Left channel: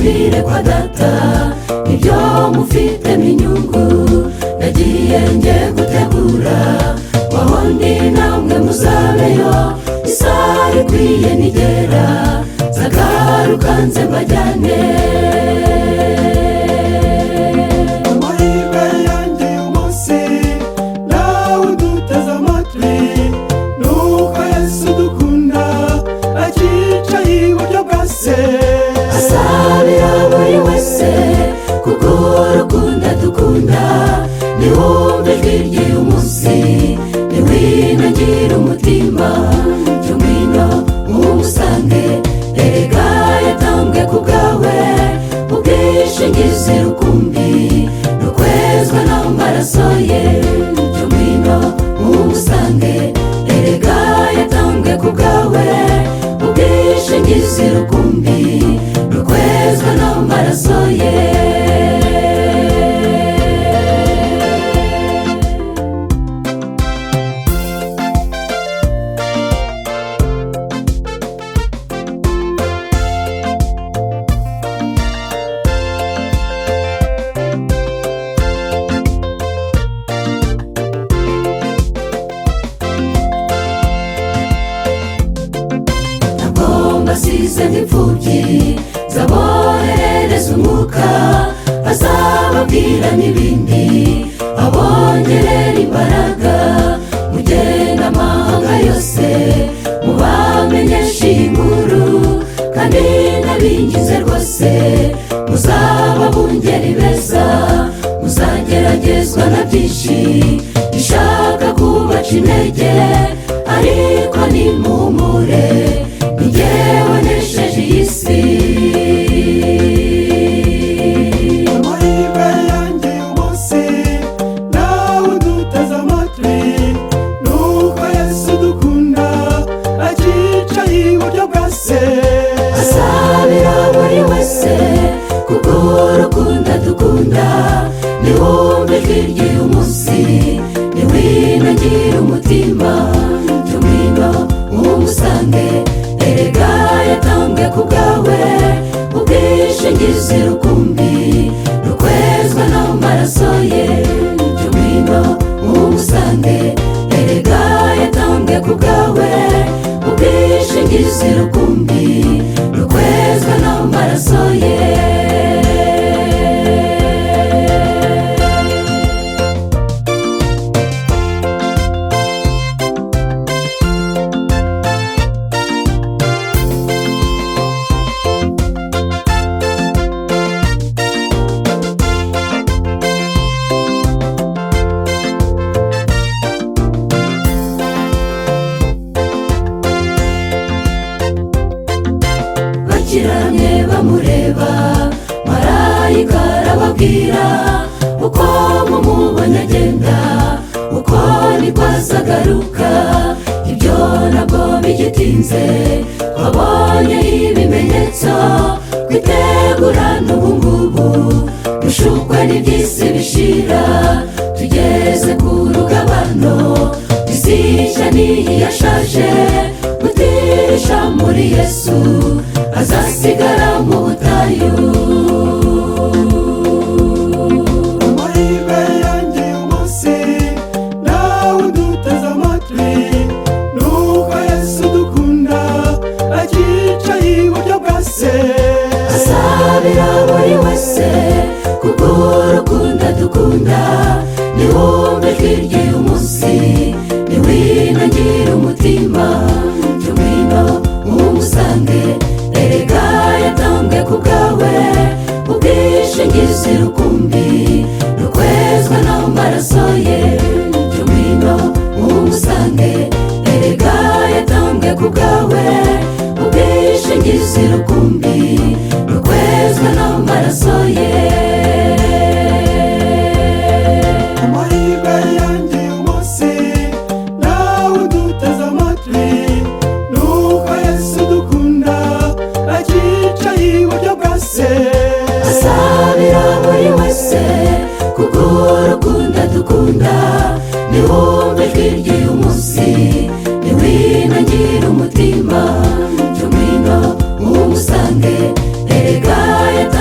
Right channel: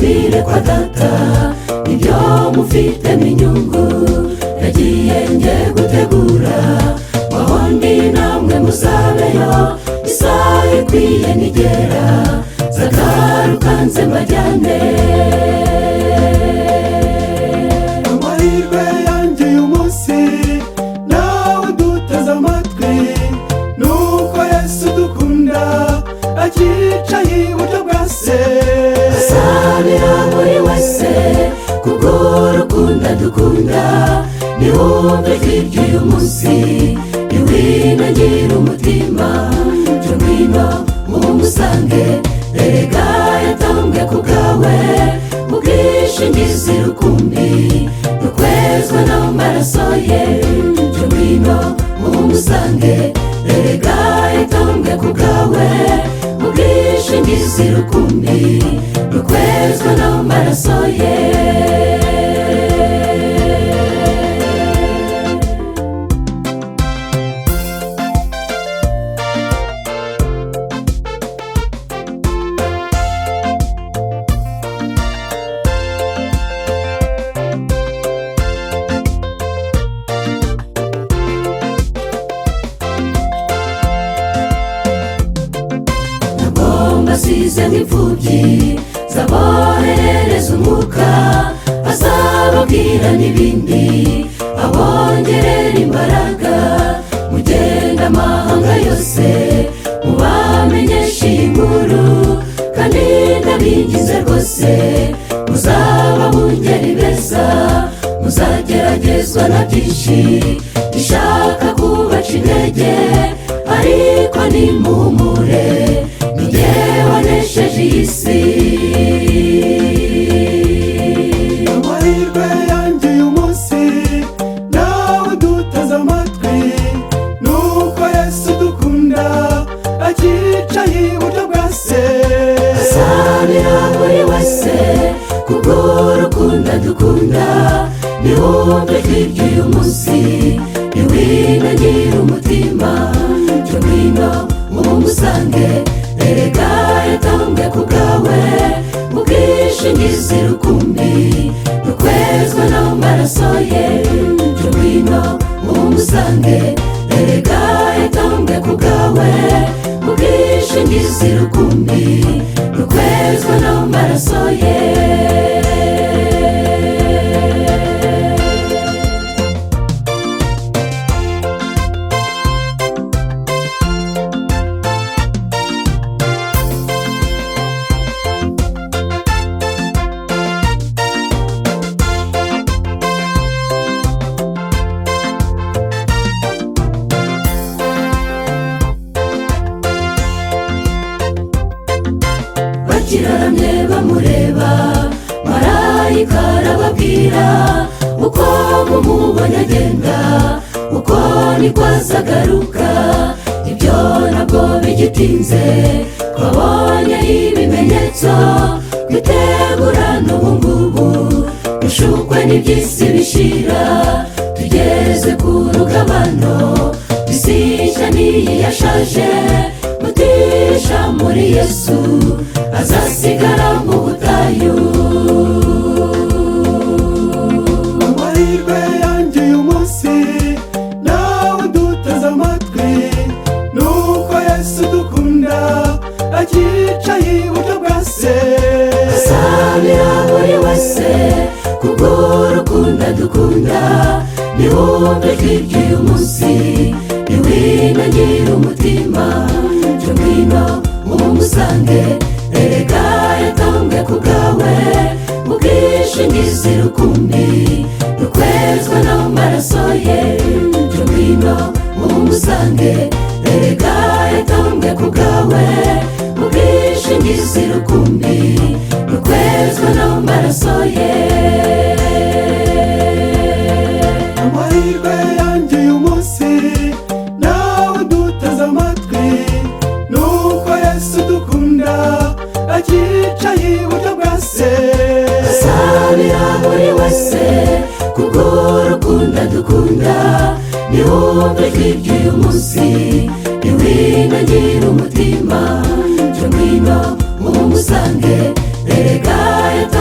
tuzabire kwa data, ibyo mufite n'inyungu nagiye ngiye gutegura, wahondi namwe muzabeyo, isaha ikwiye nigera nzagaruka nze mbajyane. amahirwe yanjye uyu munsi nawe duteze amatwi, nuko Yesu dukunda akicaye iburyo bwa Se, asabira buri wese kubw'urukundo dukunda, niwumve hirya uyu munsi niwinangire umutima, cyo ngwino umusange, erega yatambwe ku bwawe, ubwishingizi rukumbi rukwezwa n'amaraso ye, cyo ngwino umusange, erega yatambwe ku bwawe, ubwishingizi rukumbi rukwezwa n'amaraso ye. Basize n'imfubyi zaboherereza umwuka, azababwira n'ibindi abongerera imbaraga, mugenda amahanga yose mubamenyesha iyi nkuru, kandi ndabinginze rwose muzaba bungeri beza, muzageragezwa na byinshi bishaka kubaca intege, ariko nimuhumure wanesheje iyi si. amahirwe yanjye uyu munsi nawe duteze amatwi, nuko Yesu dukunda akicaye iburyo bwa Se, asabira buri wese kubw'urukundo dukunda, niwumve hirya uyu munsi niwinangire umutima, cyo ngwino umusange, erega yatambwe ku bwawe, ubwishingizi rukumbi rukwezwa n'amaraso ye, cyo ngwino umusange, erega yatambwe ku bwawe, ubwishingizi rukumbi rukwezwa n'amaraso ye. Bakiramye bamureba, marayika arababwira, uko mumubonye agenda uko niko azagaruka, ibyo ntabwo bigitinze, twabonye ibimenyetso, twitegura n'ubungubu dushukwe n'iby'isi bishira, tugeze ku rugabano, isi nshya n'iyi yashaje, mutirisha muri Yesu azasigara mu butayu. amahirwe yanjye uyu munsi nawe duteze amatwi, nuko Yesu dukunda akicaye iburyo bwa Se, asabira buri wese kubw'urukundo dukunda, niwumve hirya uyu munsi niwinangire umutima, cyo ngwino umusange, erega yatambwe ku bwawe, ubwishingizi rukumbi rukwezwa n'amaraso ye, cyo ngwino umusange, erega yatambwe ku bwawe, ubwishingizi rukumbi rukwezwa n'amaraso ye. amahirwe yanjye uyu munsi nawe duteze amatwi, nuko Yesu dukunda akicaye iburyo bwa Se, asabira buri wese kubw'urukundo dukunda, niwumve hirya uyu munsi niwinangire umutima, cyo ngwino umusange, erega yatambwe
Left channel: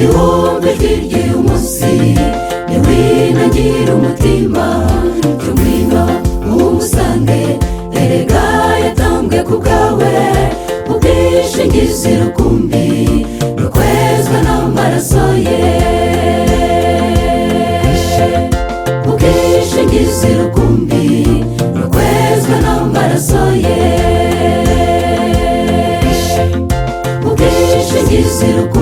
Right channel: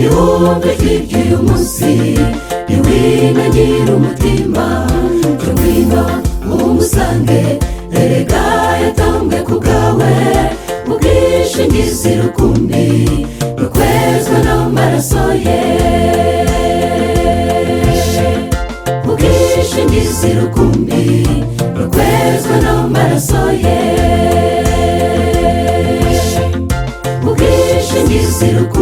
niwumve ry'uyu munsi, niwinangire umutima, jya ngwino umusange, erega yatambwe ku bwawe, ubwishingizi rukumbi rukwezwa n'amaraso ye, ubwishingizi rukumbi rukwezwa n'amaraso ye, ubwishingizi rukumbi